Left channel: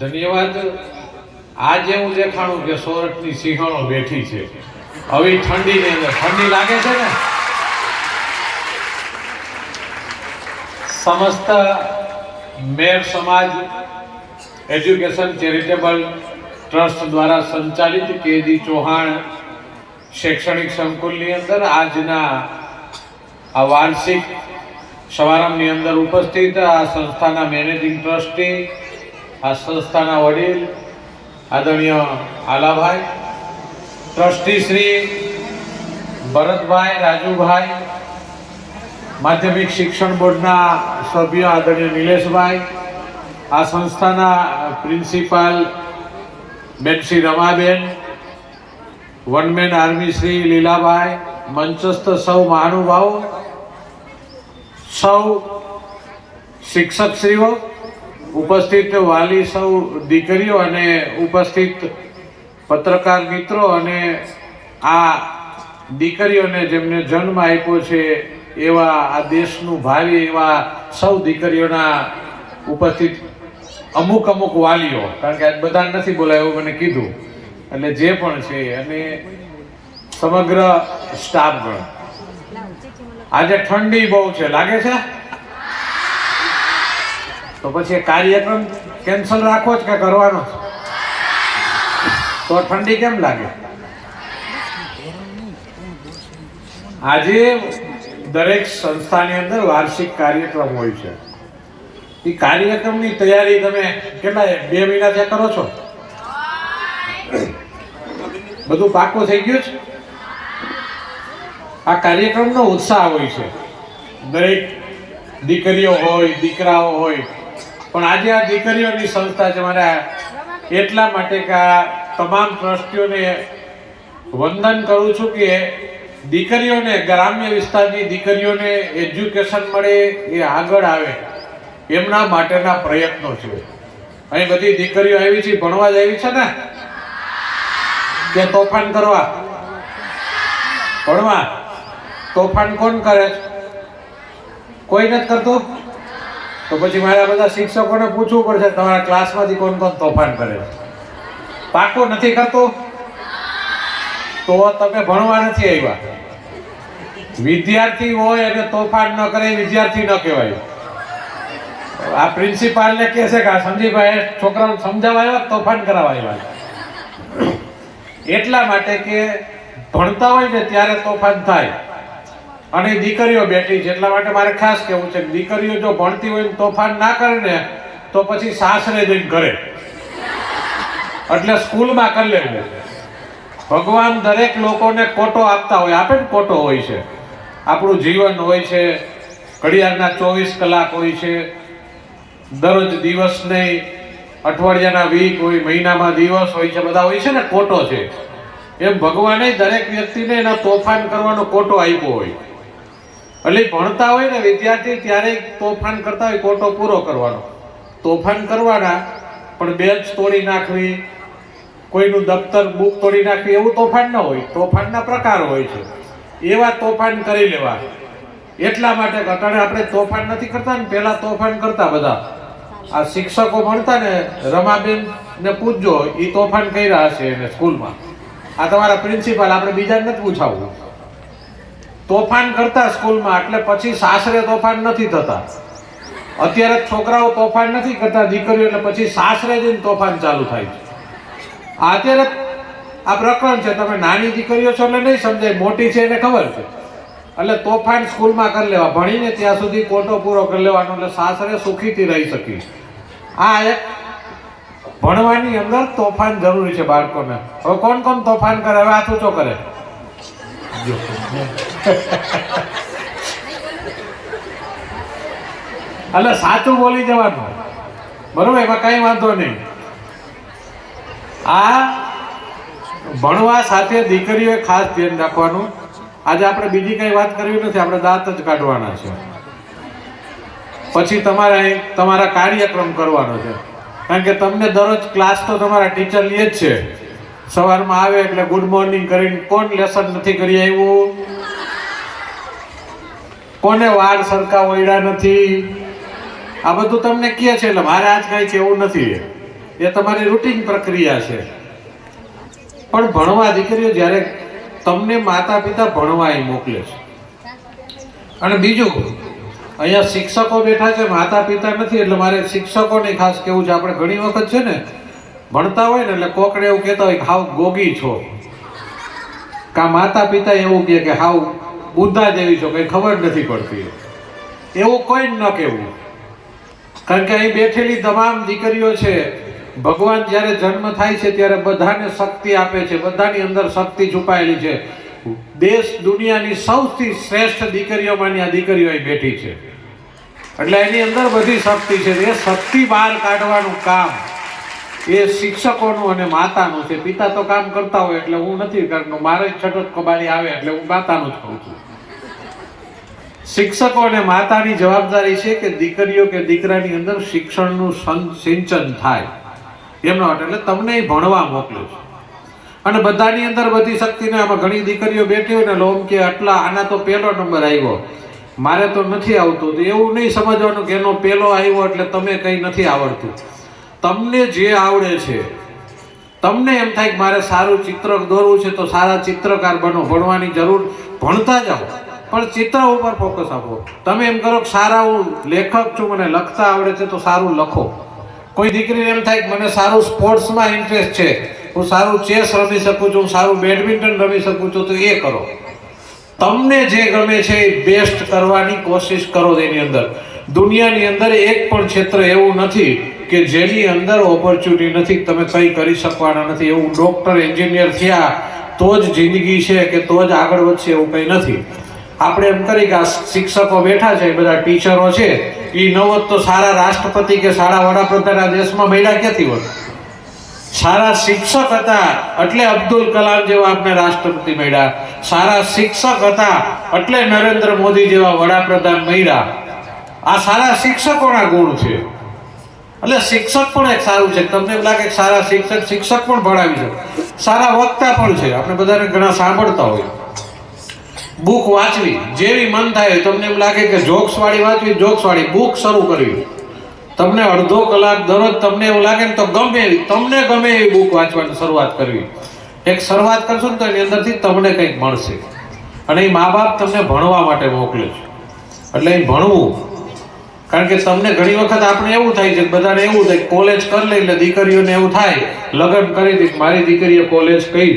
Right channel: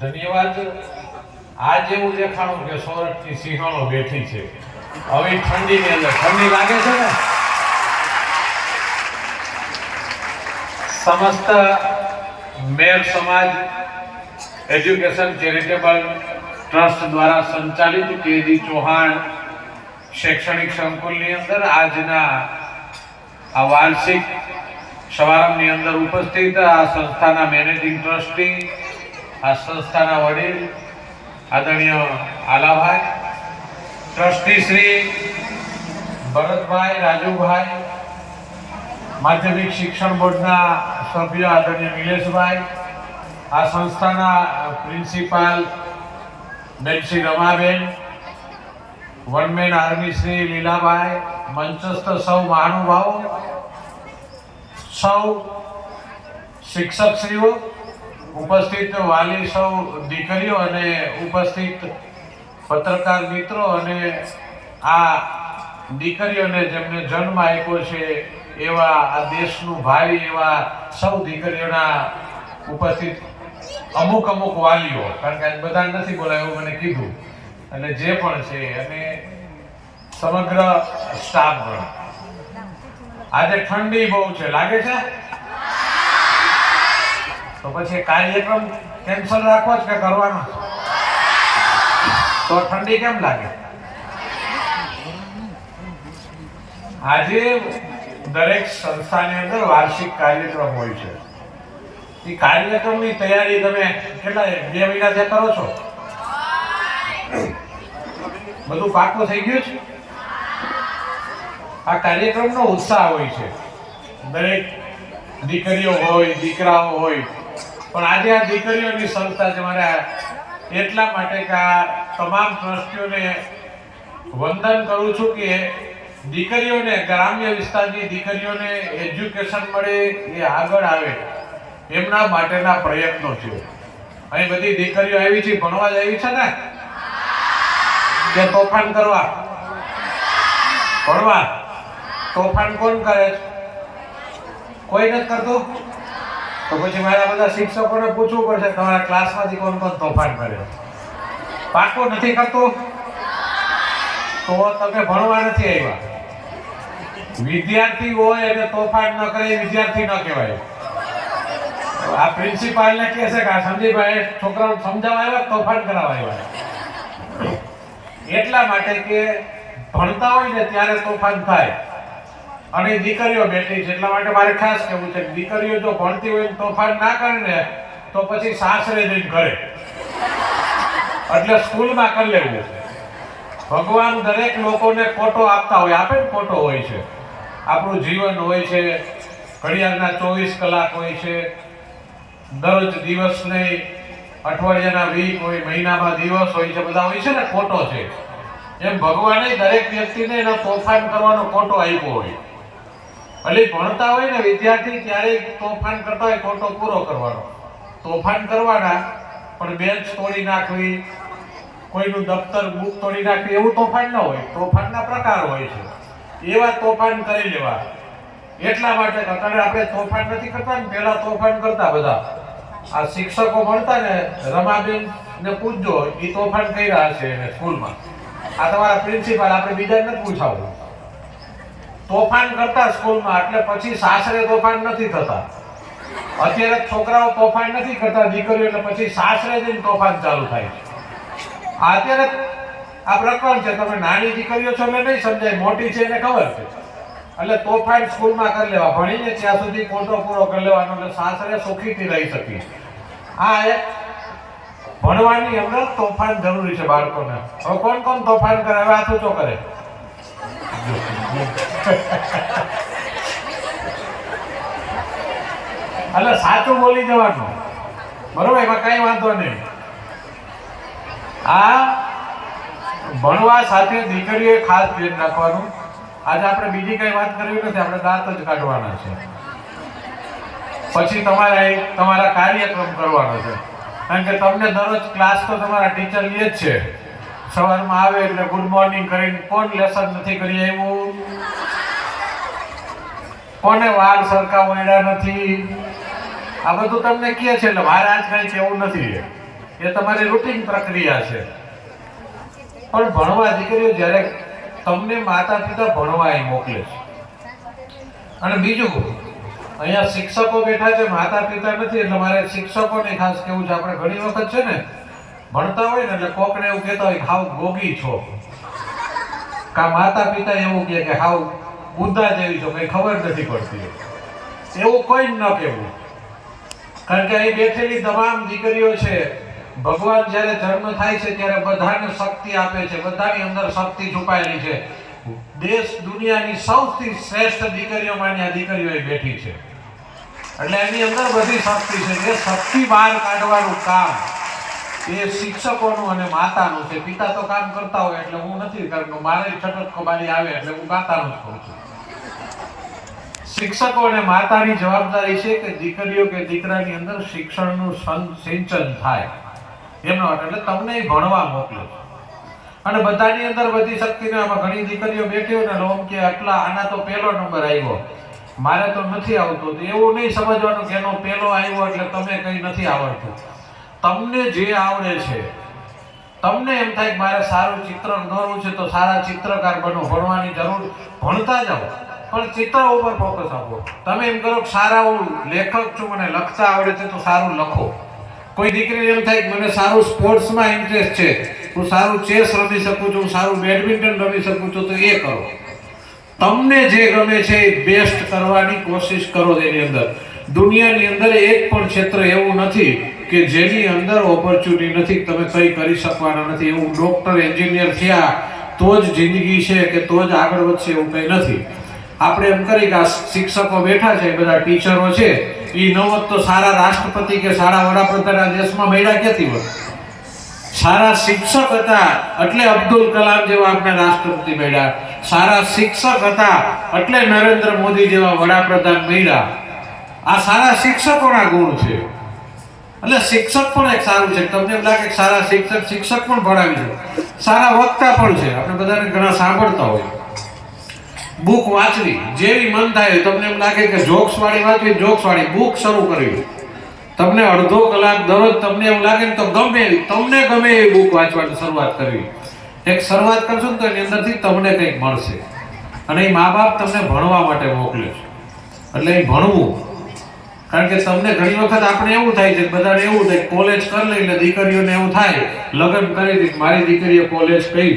ધન્યવાદ. આજે હું દેખાણું કે સોરઠની સિંહણો બેઠી છે. આવી ઠંડીની અંદર ઠંડી લાગે છે ને. સમસ્ત મેર સમાજ એજ્યુકેશન ચેરિટેબલ ટ્રસ્ટ દ્વારા સંચાલિત કેજી ચૌહાણ શૈક્ષણિક સંકુલની અંદર આજના આ વાર્ષિક સમારંભની અંદર ઉપસ્થિત આ સંસ્થાના મેનેજિંગ ટ્રસ્ટી, આ સંસ્થાના વડીલ આદરણીય આલાભાઈ, ટ્રસ્ટી શ્રી ભરતભાઈ, રાજુભાઈ, માધ્યમિક શિક્ષણ બોર્ડના સભ્ય આદરણીય નિલેશભાઈ, આ સંસ્થાના પ્રિન્સિપાલ બેન શ્રી રમાબેન, વનમેન આર્મી શ્રી લીલાભાઈ, મંચસ્થ સૌ મહાનુભાવો, સૌ શિક્ષકશ્રીઓ, ઉપસ્થિત વાલી સૌ દીકરીઓ અને ઉપસ્થિત પત્રકાર મિત્રો અને આ દીકરીઓને જેમને જન્મ આપ્યો છે એવા આ દેશનું ભાવિ એવા સૌ દીકરીઓના ઉપસ્થિત અમુક વાલીઓ, કારણ કે આજ બધા નથી બોલાય એવું મને કીધું, એટલે જે પણ છે અને સમગ્ર સ્ટાફગણ. આજે ઠંડી બહુ છે, લાગે છે તો પછી કાર્યક્રમ કેન્સલ રાખવો જ કે કરવાનો? તો ઠંડી કેમ લાગે? આજે દરેક સંસ્થાની અંદર વાર્ષિક કાર્યક્રમ હોય છે. એ કાર્યક્રમની તૈયારી તમે કેટલા 2 મહિનાથી કરો છો? બધું પાકું થઈ ગયું છે? આ કાર્યક્રમનો ઉત્સાહ હોય છે, દરેક દીકરીઓ હોય, દીકરાઓ હોય, પણ આજે આ દીકરીઓની સંસ્થા છે. મારે એટલા માટે કે આ તમામ ટ્રસ્ટીઓને વંદન કરું છું કે દીકરીઓને, ગ્રામ્ય વિસ્તારની દીકરીઓને એજ્યુકેશન મળે, એ આગળ આવે એમના માટેના પ્રયત્નો છે. અહીં બધી દીકરીઓ આવી છે, ભણવા જ આવી છે ને, કે તોફાન કરવા? ભણવા. તોફાન કોણ કરે છે? કોઈ નથી કરતું? તો પછી મારા બધા શિક્ષકોને પૂછવું પડશે તમારા ક્લાસમાંથી કોણ તોફાન કરે છે. પાકું નથી કરતું તો તમે ભણવા નથી આવ્યા. વિદ્યાર્થી હોય એટલે તોફાન ન કરે વિદ્યાર્થી ન કહેવાય. આ પ્રિન્સિપાલને કહે છે કે આ સંજીભાઈ છોકરાઓને સમજાવવા આવ્યા, તોફાન કરાવવા આવ્યા. એટલા માટે કે ભણતા હોય ને ત્યારે તોફાન થાય. અને દીકરીઓ બેઠી છે એટલા માટે મારે ખાસ કહેવું છે, દીકરીઓ જો ભણતી હોય તોફાન ના કરે ને તો પછી સાસરે જઈને કરે, એટલે સ્કૂલમાં કરી લેવું. ભગવાન દરેક લોકોને કોટો આપતા હોય, આપે ને કોટો હોય છે. આપણું જીવન હોય છે, ઘડિયાળના 24 કલાક હોય છે, દરરોજ દિવસ નહીં, અઠવાડિયાના વીક હોય, મહિનામાં દિવસ હોય છે, બધા હોય છે ને, કોટો છે. એમ ભગવાને દરેક વ્યક્તિને એના તોફાન કરવાનો કોટો આપ્યો હોય. એટલે ભણતા હોય ને વિદ્યાર્થી ત્યારે તોફાન કરતા હોય, કોટો પૂરો કરવાનો. તોફાન કરવાના, પણ બેન્ચ તોડી નાખવી, કોઈનું દફતર બુક તોડી નાખવી, એવું તોફાન ન હોય. તોફાનના પ્રકાર હોય છે, એવા તોફાન કરી લેવા. એટલા માટે અત્યારે આપણે તોફાન નથી કરતા ને, પહેલા તોફાન કરતા બધા. આ શિક્ષકો ભણતા ને, રમાબેન ને પૂછજો, એ તોફાન કર્યા હશે એને સ્કૂલમાં. આ તમારા પ્રિન્સિપાલ, આપણે બીજાને નથી પૂછાવવું. તોફાન કરતા સ્કૂલમાં, એટલે પછી સાસરે તોફાન નથી થતા. અત્યારે છોકરાઓ તોફાન નથી કરતા, દીકરીઓ, એટલે પછી સાસરે જઈને તોફાન ચાલુ થાય છે. અત્યારે આ પ્રકરણ છે. તમે નાની દીકરીઓ છો એટલે નહીં સમજાય, મોટી છે એને ખબર છે. એટલે તોફાન સ્કૂલમાં કરી લેવા, ભણીને ત્યાં સુધી કોટો પૂરો કરી લેવાનો, એટલે સાસરે સુખીથી રહી શકી. આ એક ભણવાની અંદર તોફાન જરૂરી છે બાળકોને. હવે કોણ કોણ તોફાન કરે? હવે હાથ ઊંચો કરે. એટલે સાચું બોલી દેવાનું, બરોબર? એમાં કઈ વાંધો નહીં. આ ભણવા સાથે દીકરીઓએ ખાસ ધ્યાન રાખવાનું. આજે આપણે બીજી કઈ વાત કરવી નથી, આપણે દાંત જ કાઢવાના છે. પછી તમારે તમારા કાર્યક્રમ કરવાનો છે, કારણ કે તમને દરરોજ ક્લાસ તો તમારા ટીચર લે જ છે. સવારમાં આવે એટલે ગુડ મોર્નિંગ કરીને, કોણ લેસન નથી કરી આવ્યું, કોને વાર સરખા વળ્યા નથી, આ બધું તમને કહે છે. એટલે મારે આજ કઈ કેવું નથી. એ તમારી રૂટીન પ્રક્રિયા છે. પણ ભણવા દીકરીઓ જ્યારે તમને માતા પિતા ભણવા અહીં મોકલે છે. અને બીજું, અહીંયા શિક્ષકો બેઠા છે, માતા પિતા નથી, એટલે મારે શિક્ષકોને ખાસ કેવું છે. આપણે ઘણી વખત છે ને ભણતા હોય ને એટલે કોકને એવું કહેતા હોય કે હાવ ગોગી છો, કા માતા પિતા એવું કહે કે હાવ બુદ્ધા જેવી છો, કઈ ખબર નથી પડતી. એવું કોઈ ન કહેવું. કારણ કે અહીં બેઠેલી તમામ દીકરીઓ છે, ભગવાન જ્યારે જન્મ થાય છે ત્યારે બધાને શક્તિ આપે છે, બધાની અંદર શક્તિ છુપાયેલી છે. દેશ દુનિયાની સૌથી શ્રેષ્ઠ દીકરીઓમાંની આ દીકરીઓ અહીં બેઠી છે. એટલે એની અંદર બધી શક્તિ છે. એ શક્તિ બહાર કાઢવાનું કામ એ શિક્ષકોનું અને માતાનું છે. પિતા તો કામ કરતા હોય એટલે હું નથી કરતો, મારે છટક કબાડી આવે એટલે હું માતાનું જ કરું છું. શિક્ષકો અને માતાની જવાબદારી છે કે દીકરીઓ કે દીકરાની અંદર શિક્ષણનું સિંચન થાય એમનો. એટલે તમને ભણવા મોકલો છો અને બધાની અંદર બધી શક્તિને. આમાં ઘણી દીકરીઓ બેઠી હોય ને લોમ કે આટલા આના તો પહેલો નંબર આવ્યો, મારે તો નથી આવતો. તો એવું નહીં સમજવાનું કે એનો પહેલો આવ્યો એટલે તમે કંઈ નથી આવડતું. તમને જે આવડે છે, તમને એમ થાય કે મારે સારું ચિત્ર દોરવું છે તો સારા ચિત્રકાર બનો. ભણવાની જરૂર, ભણતા જાઓ પણ ચિત્ર ઉપર ફોકસ આપો. તમે એમ કરો કે સારા હું લેખક છું, મને લખતા આવડે છે તો સારું લખો. કોઈ દીકરીને એમ થાય કે મને સારું સ્પોર્ટ્સમાં ઇન્ટરેસ્ટ છે, હું સારું ચેસ રમી શકું છું, સારું બેડમિન્ટન રમી શકું છું, તો એ કરો. તમને જે ગમે છે એ બેસ્ટ કરવાની કોશિશ કરો. એની અંદર દુનિયાની અંદર એક પણ ક્ષેત્ર એવું નથી કે જેની અંદર ઓપોર્ચ્યુનિટી નથી, તમે કંઈ કરી શકવાના નથી. એવું ડોક્ટર એન્જિનિયર થયા તો જ જિંદગી છે કે તો જ આગળ વધશે એવું કંઈ નથી. આપણે એમ કરી કે આ શિક્ષકો બેઠા છે, બધા ટીચરો છે, એ ન હોત તો સારા રાષ્ટ્રપતિ કે સારા વડાપ્રધાન આ દેશમાં મળ્યા ક્યાંથી હોત? સારા શિક્ષક હતા એટલે અબ્દુલ કલામ જેવા આપણે રાષ્ટ્રપતિ મળ્યા. સારા શિક્ષક હતા એટલે નરેન્દ્ર મોદી જેવા વડાપ્રધાન મળ્યા. આ સારા શિક્ષકોના ગુણ છે. એટલે શિક્ષક પણ એક સારું છે. તમને એમ લાગે કે સારા શિક્ષક પણ ભણાવી છે, સારા વક્તા પણ છે. આપણે બધાને ઘણા સાંભળતા હોય. બુક વાંચવી જેવી મન થાય. તમને એમ લાગે કે જોક્સ વાળી વાંચવી, જોક્સ વાળી બુક શરૂ કરવી. તમને અડધો કલાક દરરોજ તમને એવું લાગે ને તો તમને ગમે એવી બુક વાંચવાની શરૂઆત કરવી. એક શરૂઆત કરશો ને તો એની અંદરથી તમને કંઈક મળશે. અને એ મા બાપ તમને ભણવા માટે મોકલે છે એટલે એ ભણવું. કારણ કે તમને ઘણી વખત આપણે એવું થાય છે, બધાને એવું થાય કોલેજ કરી લઈ, એટલે દીકરીઓને એવું થાય લગ્ન કરી દે, મારી દીકરીએ કોલેજ કરી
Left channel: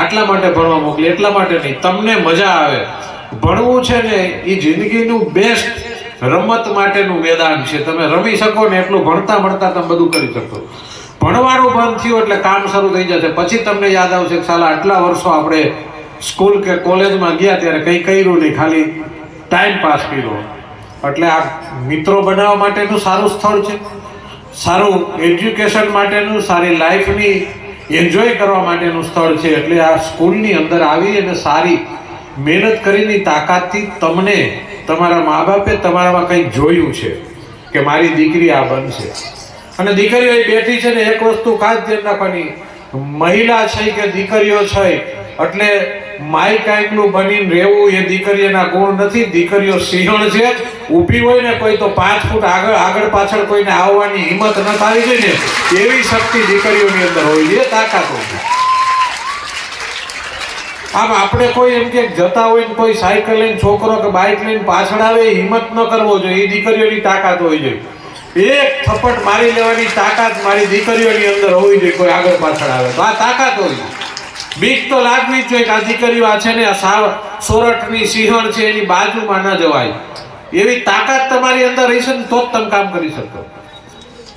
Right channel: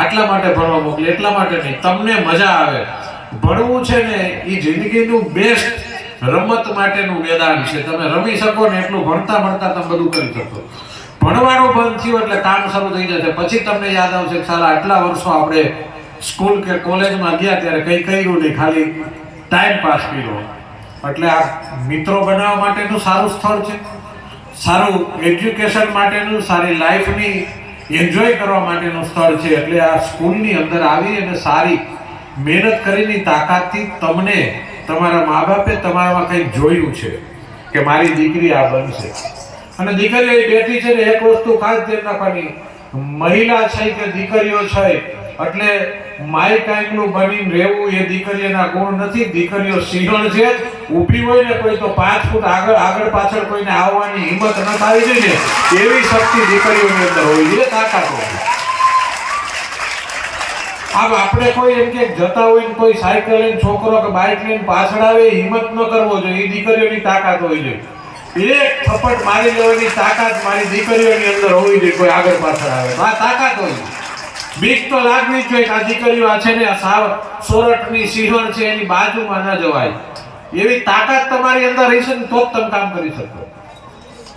આટલા માટે ભણવા મોકલી, એટલા માટે નહીં. તમને મજા આવે. ભણવું છે ને એ જિંદગીનું બેસ્ટ રમત માટેનું મેદાન છે. તમે રમી શકો ને એટલું ભણતા તમે બધું કરી શકો. ભણવાનું બંધ થયું એટલે કામ શરૂ થઈ જશે. પછી તમને યાદ આવશે કે સાલા આટલા વર્ષો આપણે સ્કૂલ કે કોલેજમાં ગયા ત્યારે કંઈ કર્યું નહીં, ખાલી ટાઈમ પાસ કર્યો. એટલે આ મિત્રો બનાવવા માટેનું સારું સ્થળ છે, સારું એજ્યુકેશન માટેનું, સારી લાઈફની એન્જોય કરવા માટેનું સ્થળ છે. એટલે આ સ્કૂલની અંદર આવી અને સારી મહેનત કરીને તાકાતથી તમને તમારા મા બાપે તમારામાં કંઈક જોયું છે કે મારી દીકરી આ બનશે. અને દીકરીઓ બેઠી છે ને એક વસ્તુ ખાસ ધ્યાન રાખવાની, મહિલા છે કે દીકરીઓ છે એટલે માય કાંઈકનું બનીને રહેવું એ દીકરીઓના ગુણ નથી. દીકરીઓ સિંહણ છે. ઊભી હોય ને કોઈ તો 5 ફૂટ આગળ પાછળ કોઈને આવવાની હિંમત ન પાવી જોઈએ ને એવી શક્તિ દીકરીઓની અંદર હોય છે, તાકાત હોય. આમ આપણે કોઈ એમ કે જતા હોય ને કોઈ સાયકલ લઈને છોકરો કે બાઇક લઈને પાછળ આવે હિંમત ન કરવો જોઈએ. એ દીકરીઓની તાકાત હોય છે. એક થપ્પડ મારી લેવાની તાકાત મારી દીકરીઓની અંદર હોવી જોઈએ. કોઈ આગળ પાછળ આવે તો આ તાકાત હોય. બીક તો લાગવી જ જોઈએ કે આ દીકરીઓ આ છે ને સોરઠની સિંહણ છે એની બાજુમાં ન જવાય. એવી તાકાત તમારી અંદર રહેશે ને તો જ તમે કામ કરી શકો.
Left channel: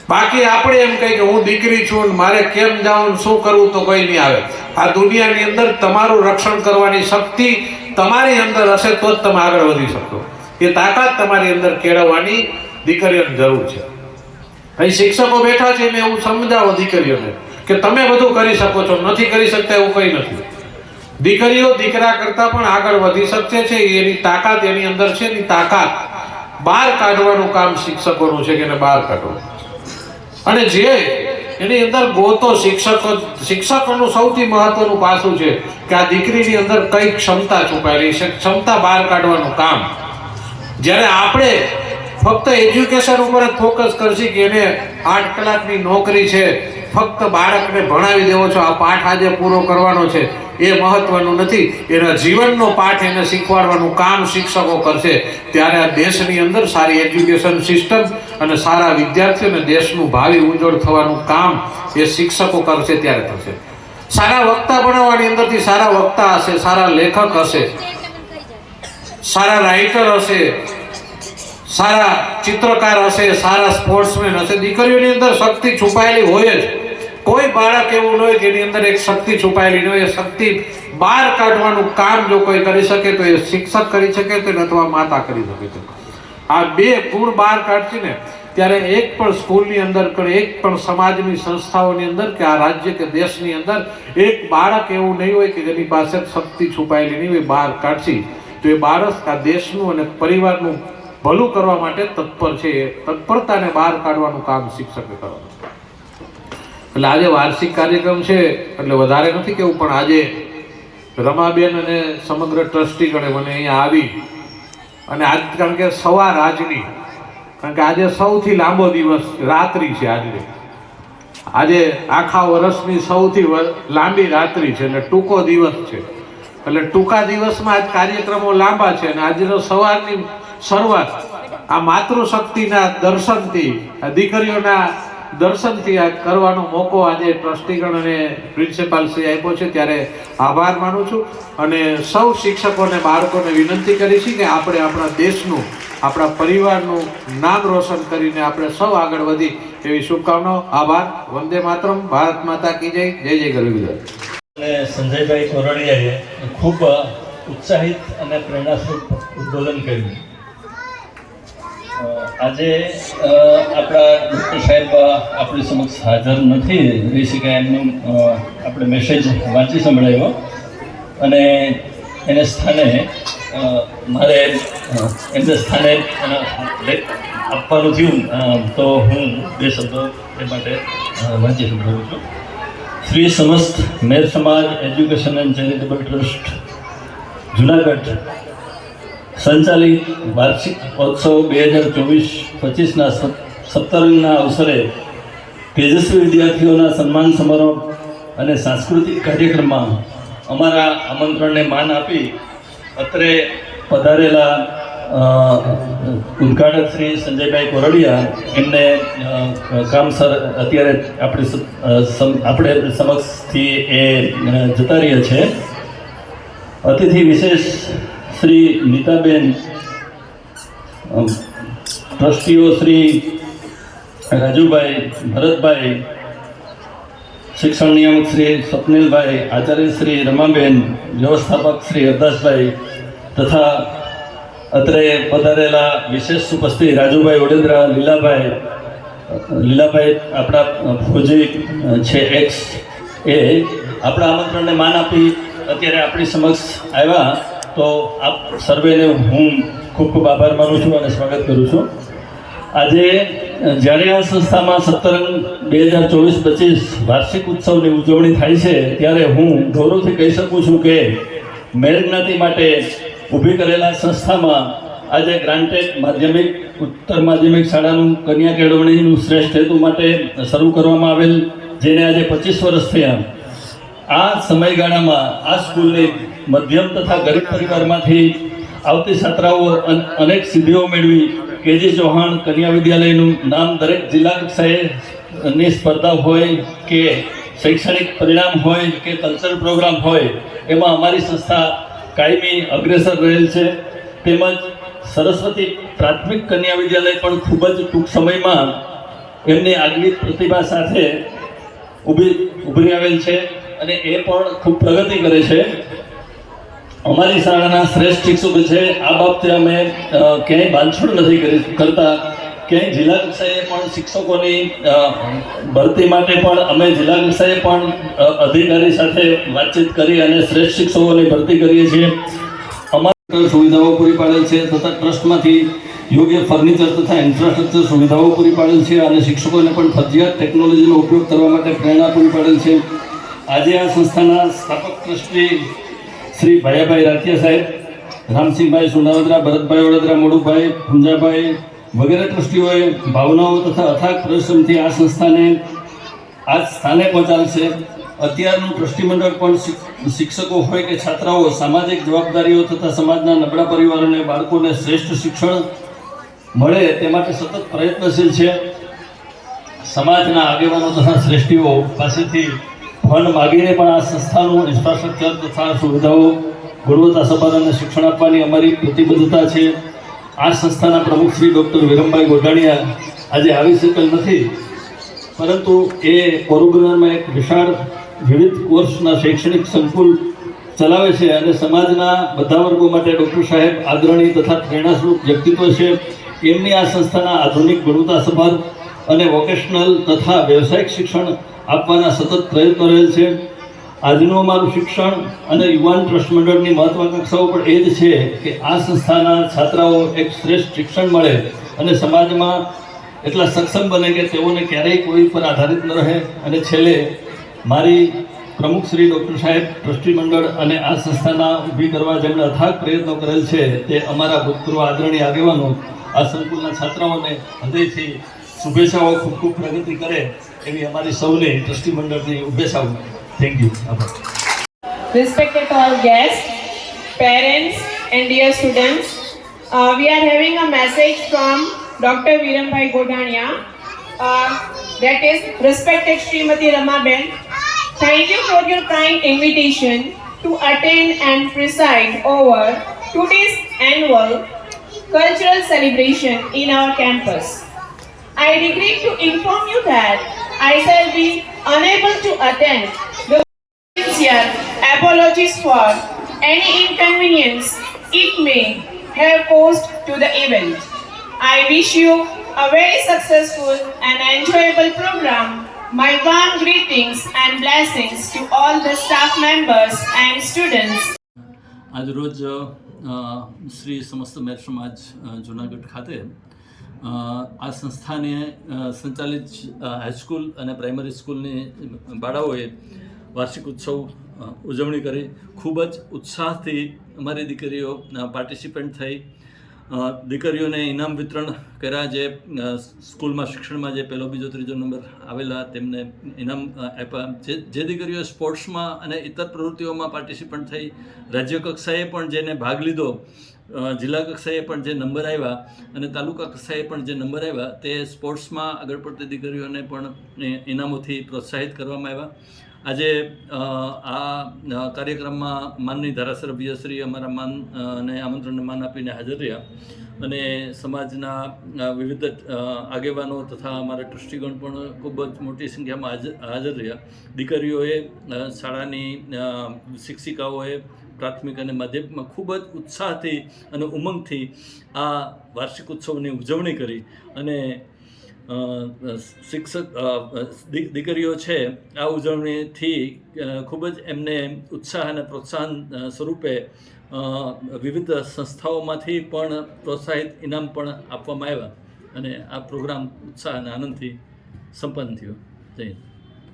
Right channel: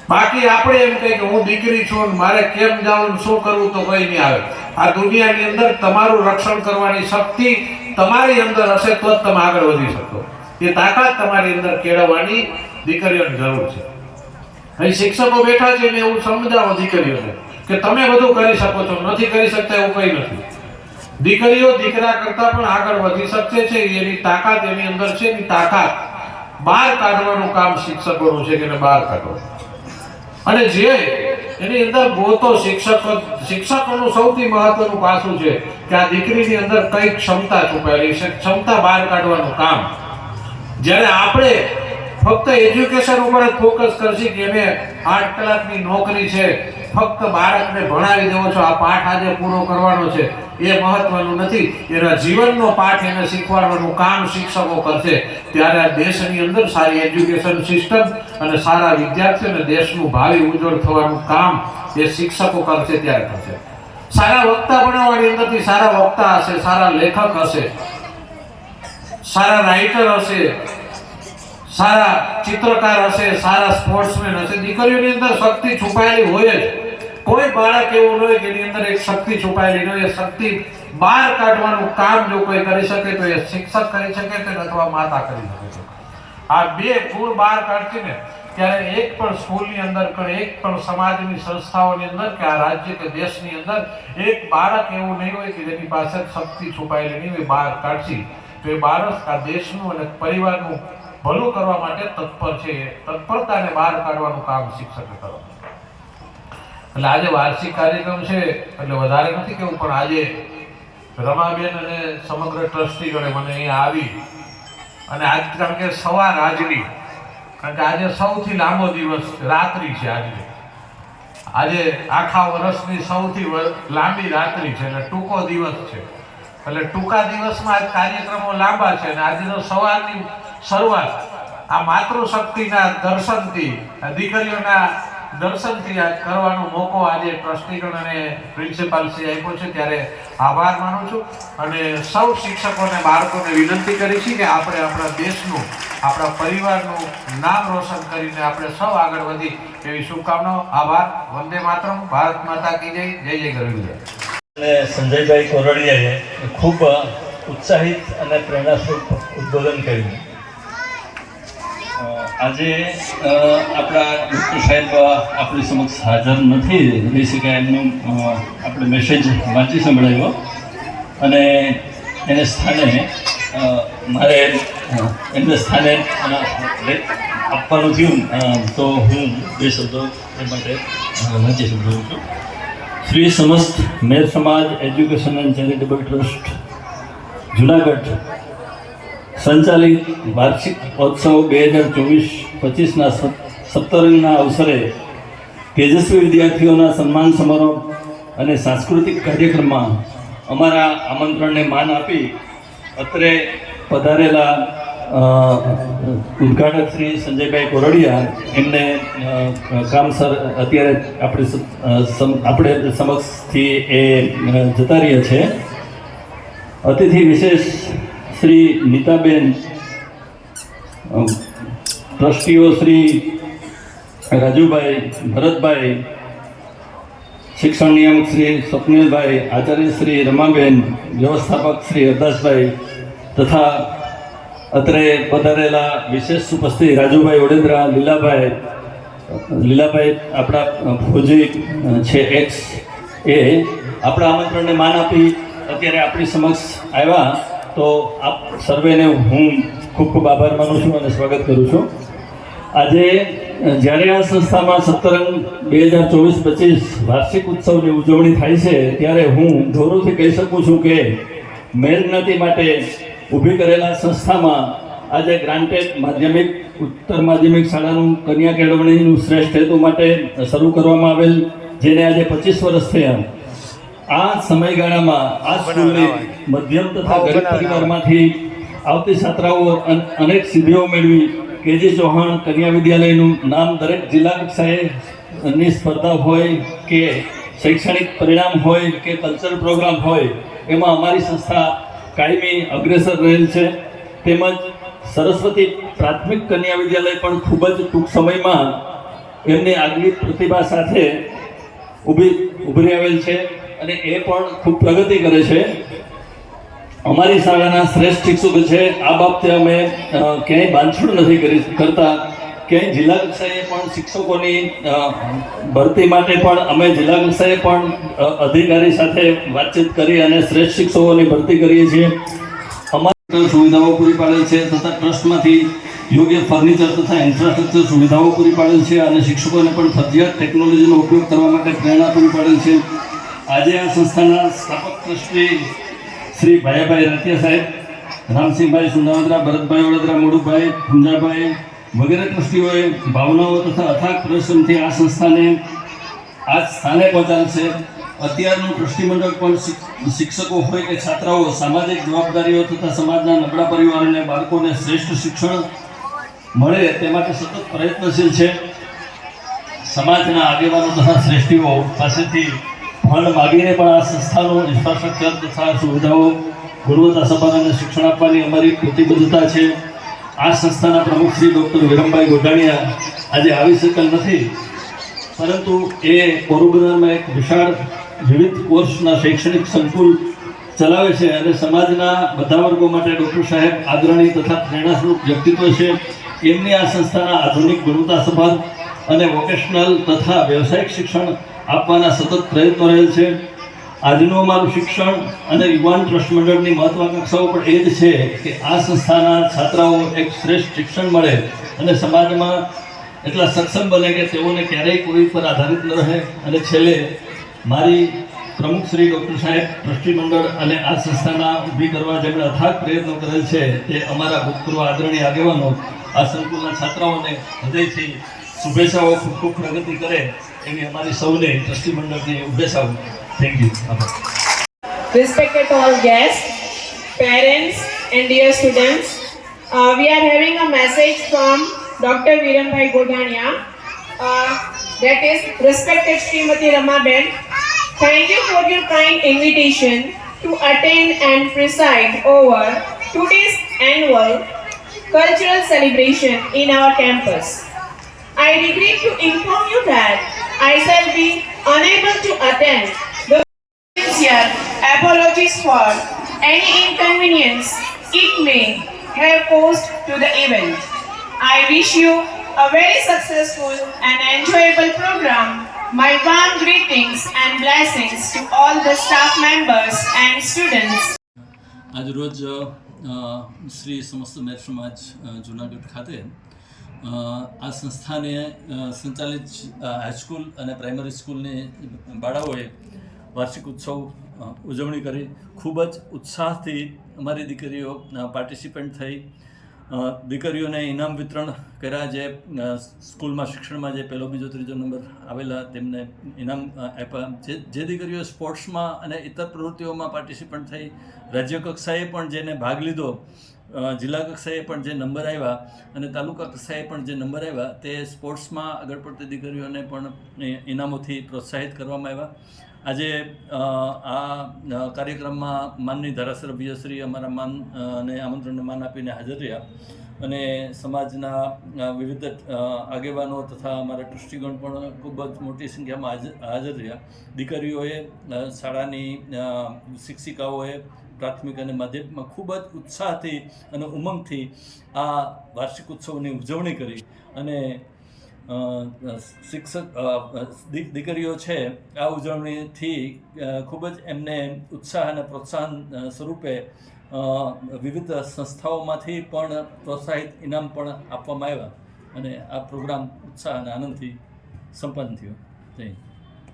બાકી આપણે એમ કહે કે હું દીકરી છું ને મારે કેમ જાઉં શું કરવું તો કોઈ નહીં આવે. આ દુનિયાની અંદર તમારું રક્ષણ કરવાની શક્તિ તમારી અંદર હશે તો જ તમે આગળ વધી શકો. એ તાકાત તમારી અંદર કેળવવાની દીકરીઓની જરૂર છે. અહીં શિક્ષકો બેઠા છે ને એવું સમજાવો દીકરીઓને કે તમે બધું કરી શકો છો, નથી કરી શકતા એવું કંઈ નથી. દીકરીઓ દીકરા કરતા પણ આગળ વધી શકે છે. એની તાકાત એની અંદર છે. એની તાકાત બહાર કાઢવાનું કામ શિક્ષકોનું છે કે એને બહાર કાઢવું. અને જે એની અંદર ગોતો શિક્ષકોનું સૌથી મહત્વનું પાસું છે કે આ દીકરીની અંદર કઈ ક્ષમતા છુપાયેલી છે, ક્ષમતા બહાર કાઢવાનું કામ. જ્યારે આપણે ફક્ત એજ્યુકેશન ઉપર જ ફોકસ કરશે કે એને 8 કલાકની નોકરી છે, ફક્ત બાળકને ભણાવી દેવો છો, આ પાઠ આજે પૂરો કરવાનો છે, એ મહત્વનું નથી. એના જીવનનો પાઠ એને શીખવાડવાનું કામ શિક્ષકો કરશે. ત્યારે આ દેશની અંદર સારી એજ્યુકેશન સિસ્ટમ અને સારા વિદ્યાર્થીઓ અને દેશનું ભાવિ ઉજ્જવળ થવાનું કામ એ શિક્ષકો કરશે, ત્યારે થશે. સારા વક્તા બનાવવાની અંદરથી સારા વક્તા હશે, સારા લેખક હશે, સારા રાઇટર હશે, સારા ચિત્રકાર હશે, સારા સ્પોર્ટ્સમેન હશે. દીકરીઓની અંદર શક્તિ છુપાયેલી હોય જ. કોઈ બાળક એવું ન હોય જેની અંદર એક શક્તિ છુપાયેલી ન હોય. એ શક્તિ બહાર કાઢવાનું કામ જો કોઈ કરી શકે તો એ શિક્ષક કરી શકે છે અથવા માતા કરી શકે છે. આ બે ગુણ બહાર કાઢશે ને ત્યારે એક પણ સ્કૂલની અંદર કે એક પણ સમાજની સંસ્થાઓની અંદર કે આ રાજ્ય કે દેશની અંદર એક બાળક એવું નહીં હોય કે જેની પાસે શક્તિ છુપાયેલી નહીં હોય. બહાર કાઢશી તો એ બાળક આ દેશનું અને પરિવારનું ભલું કરવા માટે તત્પર છે. એ તત્પરતાને બહાર કાઢવાનું કામ શિક્ષકે કરવાનું. એટલે આજે વાર્ષિક કાર્યક્રમ છે એટલે વધારે નથી કેવું, પણ આજે રમાબેન અને સમગ્ર ટ્રસ્ટીગણે મને અહીંયા આવી અને આજ કારણ કે સવાર આજની, કારણ કે આજે સૌથી લાંબો દિવસ રાત્રિ છે. આજે આખા વર્ષની સૌથી લાંબી રાત્રિ છે એટલે ટૂંકો દિવસ છે. એટલે ટૂંકા દિવસમાં આજ કાર્યક્રમો લાંબા છે અને આજનો સવારની શરૂઆત આ માતૃશક્તિના દર્શનથી, દીકરીઓના દર્શનથી આ કરવાનો મોકો આજે ટ્રસ્ટીગણ અને પ્રિન્સિપાલ શ્રી આપ્યો છે. ત્યારે આભાર માનું છું અને સૌ શિક્ષકોને બાળકોને વિનંતી કરી છે કે આપણે આપણા દેશનું, આપણા પરિવારનું નામ રોશન કરીને આપણે સૌ આગળ વધી એવી શુભકામનાઓ. આભાર. વંદે માતરમ. ભારત માતા કી જય. જય જય ગરવી. અને સંજયભાઈ કોરડિયાએ ખૂબ ઉત્સાહિત અને પ્રેરણાસ્પદ ઉદ્બોધન કર્યું. આજે આપણા ડૉક્ટર સાહેબ આપણી સમક્ષ હાજર નથી રહી શક્યા. એમનું આપણે મેસેજ વાંચી સંભળાવ્યો અને એને સ્થાને મારે એમને સ્થાને આપવાનું થયું તો હું બે શબ્દો એ માટે વાંચી સંભળાવું છું. શ્રી સમસ્ત મેર સમાજ education and charitable trust Junagadh સંચાલિત વાર્ષિક મહોત્સવ 2024-25ના સપ્તરંગના અવસરે તેજસ્વી વિદ્યાર્થીઓના સન્માન સમારોહ અને સાંસ્કૃતિક કાર્યક્રમમાં અમારા આમંત્રણને માન આપી અત્રે પધારેલા ઉદ્ઘાટક શ્રી સંજયભાઈ કોરડિયા એમને કામસર અત્યારે આપણે સમક્ષથી એ જતા રહ્યા છે. અતિથિ વિશેષ શ્રી નીતાબેન, ટ્રસ્ટીઓ શ્રી રાજુભાઈ, ભરતભાઈ, શિક્ષણ નિયામક શ્રી સ્વપ્નિલભાઈ, આચાર્ય શ્રી રમાબેન, વ્યવસ્થાપક શ્રી હરદાસભાઈ તથા અત્રે પધારેલા વિશેષ ઉપસ્થિત રાજુભાઈ વડોદરા, લીલાભાઈ આપણા ફોજી છે એક્સ, એ આપણા આમંત્રણને માન આપી અત્યારે આપણી સમક્ષ આવ્યા. તો આપ સર્વેને હું ખૂબ ખૂબ આભાર માનું છું અને સ્વાગત કરું છું. આજે જ્યારે આ સંસ્થામાં સપ્તરંગ 2024-25 વાર્ષિક ઉત્સવની ઉજવણી થાય છે ત્યારે હું ગૌરવથી કહી શકું છું કે મેર જ્ઞાતિ માટે ઊભી કરેલા સંસ્થામાં આજે ગ્રાન્ટેડ માધ્યમિક, ઉત્તર માધ્યમિક શાળાનું કન્યા કેળવણીનું શ્રેષ્ઠ હેતુ માટે શરૂ કરવામાં આવેલ, જેને આજે 25 વર્ષ થયા. આ સમયગાળામાં આ સ્કૂલની મધ્યમ તથા ગરીબ પરિવારમાંથી આવતી છાત્રાઓ અનેક સિદ્ધિઓ મેળવી. કેજી ચૌહાણ કન્યા વિદ્યાલયનું નામ દરેક જિલ્લા કક્ષાએની સ્પર્ધા હોય કે શૈક્ષણિક પરિણામ હોય કે કલ્ચરલ પ્રોગ્રામ હોય, એમાં અમારી સંસ્થા કાયમી અગ્રેસર રહેલ છે. તેમજ સરસ્વતી પ્રાથમિક કન્યા વિદ્યાલય પણ ખૂબ જ ટૂંક સમયમાં એમની આગવી પ્રતિભા સાથે ઉભરી આવેલ છે અને એ પણ ખૂબ પ્રગતિ કરે છે. અમારી શાળાના શ્રેષ્ઠ શિક્ષકો છે. આ બાબતે અમે ક્યાંય બાંધછોડ નથી કરતા. ક્યાંય જિલ્લા કક્ષાએ પણ શિક્ષકોની ભરતી માટે પણ અમે જિલ્લા કક્ષાએ પણ અધિકારી સાથે વાતચીત કરી અને શ્રેષ્ઠ શિક્ષકોની ભરતી કરીએ છીએ. અમારી સુવિધાઓ પૂરી પાડેલ છે તથા ટ્રસ્ટમાંથી યોગ્ય ફર્નિચર તથા ઇન્ફ્રાસ્ટ્રક્ચર સુવિધાઓ પૂરી પાડેલ છે અને શિક્ષકોને પણ ફરજિયાત ટેકનોલોજીનો ઉપયોગ કરવા માટે પ્રેરણા પૂરી પાડેલ છે. આજે આ સંસ્થાના સ્થાપક ટ્રસ્ટી શ્રી ભાયાભાઈ રાઠિયા સાહેબ, રામસિંહભાઈ સોનાવદરા, ભરતભાઈ વડોદરા, મોડુભાઈ, પુંજાભાઈ, વગેરે ટ્રસ્ટીઓએ ભાવનાઓ તથા અથાગ પરિશ્રમથી આ સંસ્થાને આ સ્થાને પહોંચાડે છે. અત્યારનું ટ્રસ્ટી મંડળ પણ શિક્ષકો હોય કે છાત્રાઓ સામાજિક જવાબદારીઓ તથા સમાજના નબળા પરિવારોને બાળકોને શ્રેષ્ઠ શિક્ષણ મળે તે માટે સતત પ્રયત્નશીલ છે. સમાજના આગેવાનો તથા શ્રેષ્ઠીઓ પાસેથી ફંડ માગીને પણ આ સંસ્થાનું ઇન્ફ્રાસ્ટ્રક્ચર તથા સુવિધાઓ ગુણવત્તાસભર અને શિક્ષણ આપવાની અમારી પ્રતિબદ્ધતા છે. આ સંસ્થાના પ્રમુખ શ્રી ડૉક્ટર વિરમભાઈ ગોઢાણીયા આજે આવી શકેલ નથી, પરંતુ એ પોરબંદરમાં એક વિશાળ વિવિધ કોર્સના શૈક્ષણિક સંકુલ ચલાવે છે અને સમાજના બધા વર્ગો માટે ડૉક્ટર સાહેબ આદરણીય તથા પ્રેરણાસ્વરૂપ વ્યક્તિત્વ છે. એમની આ સંસ્થાના આધુનિક ગુણવત્તાસભર અને વોકેશનલ તથા વ્યવસાયિક શિક્ષણ આપવાના સતત પ્રયત્નો રહેલ છે. આજનું અમારું શિક્ષણ અને યુવાન ટ્રસ્ટ મંડળની મહત્વાકાંક્ષાઓ પણ એ જ છે કે આ સંસ્થાના છાત્રાઓ એક શ્રેષ્ઠ શિક્ષણ મળે અને સમાજમાં એટલા સક્ષમ બને કે તેઓને ક્યારેય કોઈ પર આધારિત ન રહે. અને છેલ્લે મારી પ્રમુખ શ્રી ડૉક્ટર સાહેબ ટ્રસ્ટી મંડળ અને આ સંસ્થાના ઊભી કરવા જેમણે અથાગ પ્રયત્નો કરેલ છે તે અમારા ભૂતપૂર્વ આદરણીય આગેવાનો આ સંકુલના છાત્રાઓને હૃદયથી શુભેચ્છાઓ ખૂબ ખૂબ પ્રગતિ કરે એવી અમારી સૌને ટ્રસ્ટી મંડળની શુભેચ્છાઓ. Thank you. Respected all guests, parents and dear students, we are having a message from Dr. Virambai Godhania. That is, respected Srimati Ramaben, thank you for your kind invitation to attend and preside over today's annual cultural celebration in our campus. I regret to inform you that I shall be unable to attend. Sincere apologies for any inconvenience it may have caused to the event. I wish you a very successful and enjoyable program. My warm greetings and blessings to all the staff members and students. આજ રોજ શ્રી સમસ્ત મેર સમાજ જુનાગઢ ખાતે આ સંસ્થાને સંચાલિત high school અને primary સ્કૂલની બાળાઓએ વાર્ષિક ઉત્સવ ઉજવણી કરી. ખૂબ જ ઉત્સાહથી અમારી દીકરીઓ પાર્ટિસિપન્ટ થઈ. દીકરીઓને ઇનામ વિતરણ કર્યા. જે સ્કૂલમાં શિક્ષણમાં જે પહેલો બીજો ત્રીજો નંબર આવેલા તેમને ઇનામ આપ્યા. જે દીકરીઓ સ્પોર્ટ્સમાં અને ઇતર પ્રવૃત્તિઓમાં પાર્ટિસિપન્ટ થઈ, રાજ્ય કક્ષાએ પણ જેને ભાગ લીધો, જિલ્લા કક્ષાએ પણ જે નંબર આવ્યા અને તાલુકા કક્ષાએ પણ જે નંબર આવ્યા, તે સ્પોર્ટ્સમાં આગળ પડતી દીકરીઓને પણ ઇનામોથી પ્રોત્સાહિત કરવામાં આવ્યા. આજે આ કાર્યક્રમમાં માનની ધારાસભ્ય શ્રી અમારા માન અને આમંત્રણને માન આપીને હાજર રહ્યા અને સમાજના વિવિધ આગેવાનો તથા અમારા ટ્રસ્ટીગણ પણ ખૂબ જ મોટી સંખ્યામાં હાજર રહ્યા. દીકરીઓએ, શાળાની શિક્ષિકાઓએ, પ્રાથમિક અને માધ્યમિકમાં ખૂબ જ ઉત્સાહથી અને ઉમંગથી આ વાર્ષિક ઉત્સવની ઉજવણી કરી અને શિક્ષક દીકરીઓ છે આ ઉજવણીથી ખૂબ જ એમને ઉત્સાહ અને પ્રોત્સાહન સ્વરૂપે વિવિધ સંસ્થાઓમાંથી પણ પ્રોત્સાહિત ઇનામ પણ આપવામાં આવ્યા અને આ પ્રોગ્રામ ઉત્સાહ અને આનંદથી સંપન્ન થયો. જય હિન્દ.